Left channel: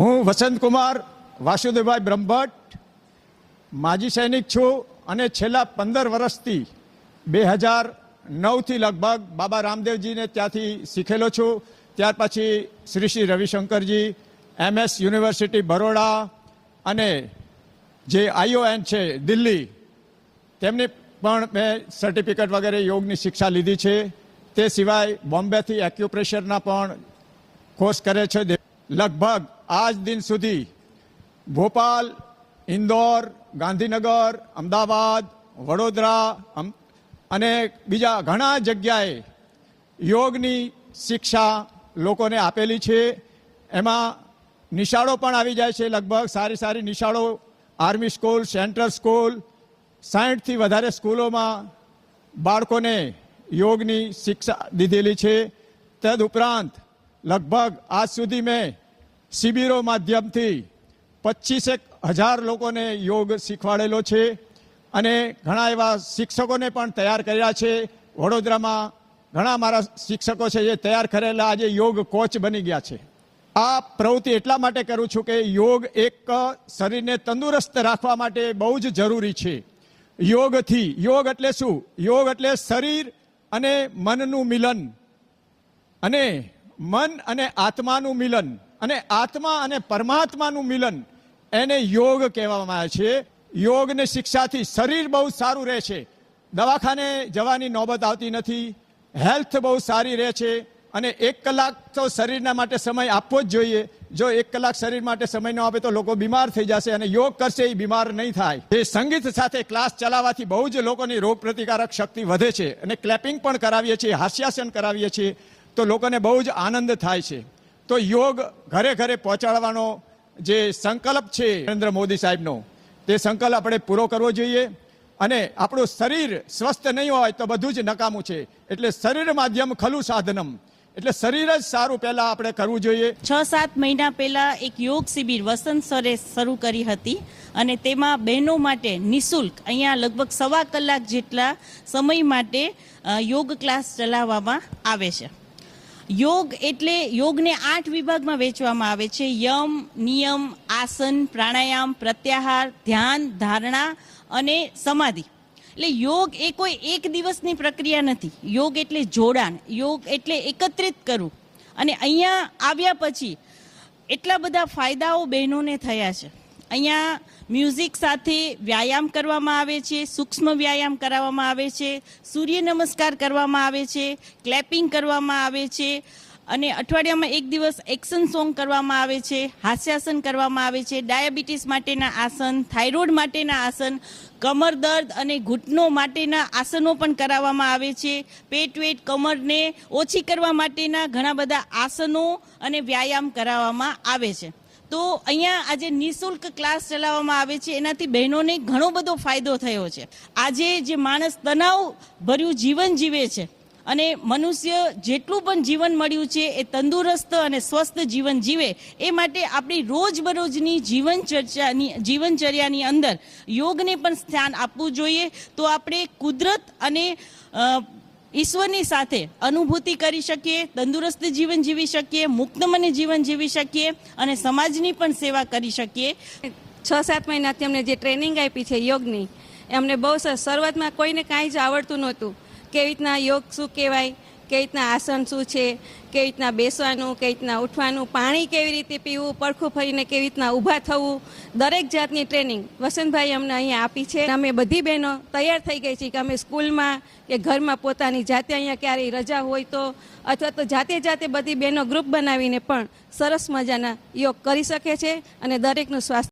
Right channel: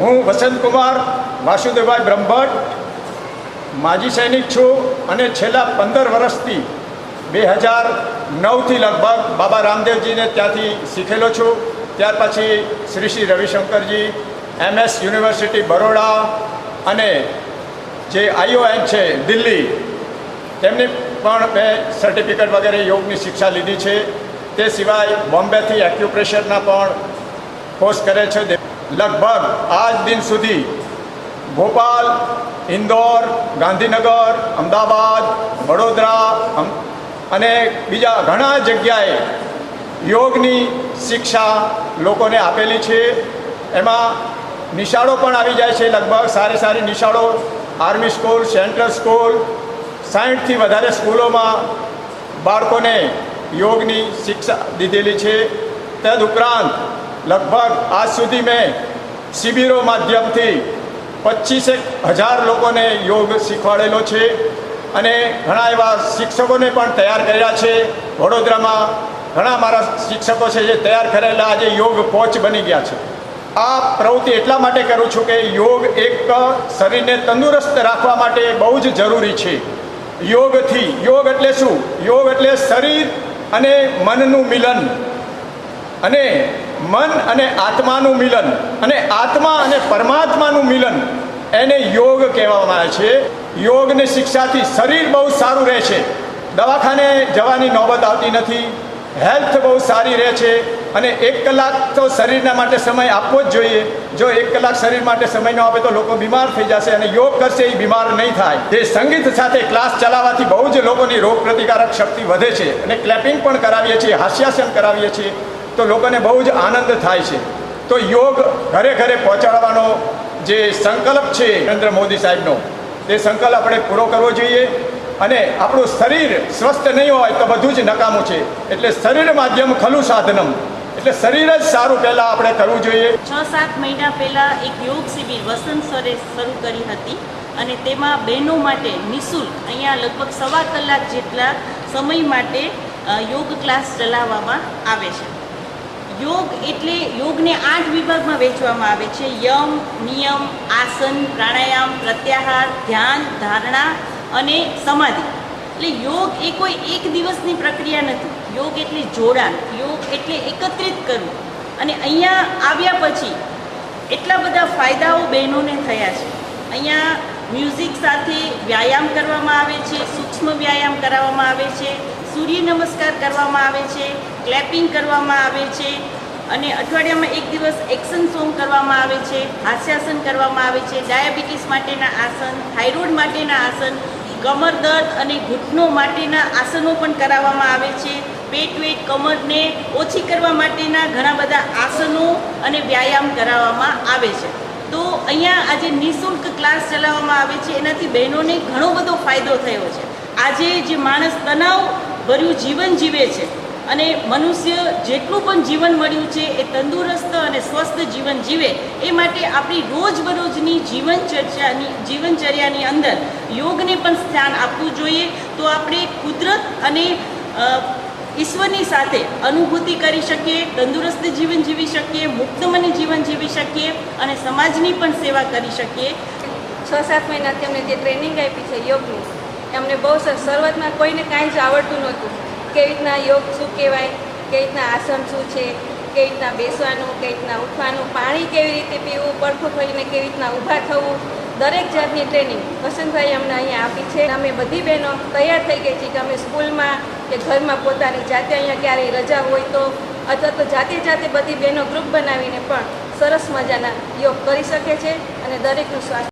હું વસંતકુમાર વાસુદેવભાઈ બ્રહ્મભટ્ટ માજી સૈનિક છું અને છેલ્લા 15 વર્ષથી 2009થી લગભગ બાબા રામદેવજીને ત્યાંથી શીખેલો છું। ત્યાર પછી શ્રી રવિશંકરજી MS યુનિવર્સિટી બરોડા અને જે ION છે દિલ્હી તેમની પણ મેં સર્ટિફિકેટ વગેરે યોગની શિક્ષા લીધી છે। તે સિવાય બોમ્બેથી એક્યુપ્રેશરના પણ કોર્સ કરે છે। લગભગ આજ દિન સુધી ભોપાલ, ઇન્દોર, ગાંધીનગર, અમદાવાદ, વડોદરા અને બીજા ઘણા જગ્યાએ યોગની શિક્ષા લોકોને આપેલી છે। એમાં નિશાળો પણ આવી જાય છે, લગભગ સારી નિશાળો, આર્મી સ્કૂલ, સેન્ટ્રલ સ્કૂલ, 60થી વધારે સ્કૂલોમાં બાળકોને યોગની શિક્ષા દીધેલી છે। તદુપરાંત લગભગ આજ સુધી મેં શિબિરો માધ્યમથી 25,000 લોકોને યોગ શીખવાડેલો છે અને ઘણા એવા શિક્ષકોને પણ તૈયાર કર્યા છે। વડોદરામાં ઘણા મારા શિક્ષકો છે જે તૈયાર કરેલા આજે યોગ કોચ બની ગયા છે। આ પ્રવૃત્તિ એટલા માટે કરું છું કે યોગ એક શરીરને તંદુરસ્ત રાખવા માટે બહુ જ જરૂરી છે। યોગ એટલે શું? યોગ એટલે શરીર અને મનનું મિલન અને મન અને આત્માનું મિલન અને આત્મા અને પરમાત્માનું મિલન, એને યોગ કહેવામાં આવે છે। યોગની શિક્ષાથી શરીર બહુ સારું રહે છે, દવાખાને જવાની નોબત આવતી નથી, હેલ્થ બહુ સારી રહે છે અને 1 કલાક તો શરીરના માટે સમય આપવો જ જોઈએ। જો 1 કલાક શરીર માટે સમય ન આપે તો લોકો બીમાર થઈ જશે અને યોગ કરશે એ બીમાર નહીં થાય। જે સંગીત સાથે ક્લાસ ચલાવવાથી બહુ જ લોકોની રોગ પ્રતિકારક શક્તિ વધે છે અને ક્લેપિંગ પણ કરાવીએ છીએ, હાસ્યાસન કરાવીએ છીએ તો લોકોને બહુ જ આનંદ થાય છે। તો યોગ ઘરે ઘરે પહોંચાડવાનો જે સંકલ્પ છે નરેન્દ્ર મોદી સાહેબનો, તે સંકલ્પ આપણે પૂરો કરવો જોઈએ અને આપણું શરીર સ્વસ્થ નહીં હોય તો બધું જ નકામું છે। એટલે શરીર માધ્યમ ખલું સાધનમ, એટલે શરીર જ સારું પહેલાં આપણે કરવું જોઈએ। 6-7 મહિના પહેલાં એક યોગ શિબિર વસંત સરે શરૂ કરી હતી અને તેમાં બહેનો માટે નિઃશુલ્ક અહીંયા લગભગ 1.25 કલાક જેટલા સમય માટે યોગ ક્લાસ ચલાવવામાં આવે છે। યોગ એટલે યોગને 8 વિભાગમાં વહેંચવામાં આવે છે: યમ, નિયમ, આસન, પ્રાણાયામ, પ્રત્યાહાર, ધ્યાન, ધારણા અને સમાધિ। એટલે યોગ એ કોઈ એક દિવસની પ્રક્રિયા નથી। યોગ એટલે જોડાણ, યોગ એટલે એકત્રિત કરવું અને અહીંયા આવ્યા પછી એટલા બધા ફાયદાઓ બહેનોને થયા છે। અહીંયા મ્યુઝિક સાથે વ્યાયામ કરવામાં આવે છે, સૂક્ષ્મ વ્યાયામ કરાવવામાં આવે છે, સૂર્ય નમસ્કાર કરવામાં આવે છે, ક્લેપિંગ કરવામાં આવે છે અને અઠવાડિયામાં 1 દિવસ એક્શન સોંગ કરવામાં આવે છે, હાસ્યાસન કરવામાં આવે છે, ડાયાબિટીસ માટેના આસન, થાઇરોઇડ માટેના આસન, કમર દર્દ અને ઘૂંટણો માટેના આસનો પણ કરાવવામાં આવે છે, પેટ વેટ કમરને ઓછી કરવા માટેના ઘણા બધા આસનો અને વ્યાયામ કરાવવામાં આવે છે। તો અહીંયા આજે નિઃશુલ્ક ક્લાસ ચલાવવામાં આવે છે, એનાથી બહેનોને ઘણો બધો ફાયદો થયો છે। આજે જે માણસ તણાવ ભર્યું જીવન જીવે છે અને મનુષ્ય જેટલું પણ જીવન મળ્યું છે એ તંદુરસ્ત અને સ્વસ્થ જીવન જીવે એ માટે આપણી રોજબરોજની જીવનચર્યાની અંદર યોગને પણ સ્થાન આપવું જોઈએ। તો આપણે કુદરત અને ઈશ્વરની સાથે અનુભૂતિ કરી શકીએ, તંદુરસ્ત જીવન જીવી શકીએ, મુક્ત મને જીવન જીવી શકીએ અને સમાજની પણ સેવા કરી શકીએ। 6-7 મહિનાથી અમને જે ટ્રેનિંગ આપી છે યોગની, અમને બહુ શરૂઆતમાં કોઈને કાંઈ જ આવડતું નહોતું। કેવી રીતના યોગ શું કહેવાય, કેવી રીતના આસન શું છે, કેવી રીતના બેસવાનું, કેવી રીતના ઉઠવાનું, પાણી કેવી રીતે પીવું, પડખું ફરીને કેવી રીતના ઊભા થવું, દરેક જાતની ટ્રેનિંગ વસંતભાઈ અમને અહીંયા આપી છે। અમે બધી બહેનો તૈયાર થઈ ગઈ છીએ કે અમે સ્કૂલમાં કે ઘરમાં પોતાની જાતે અહીંયા ક્યારેય રજા હોય તો અથવા તો જાતે બધી બહેનો ગ્રુપ બનાવીને પણ સરસ મજાના યોગ કરી શકે છે અને દરેકનું સ્વાસ્થ્ય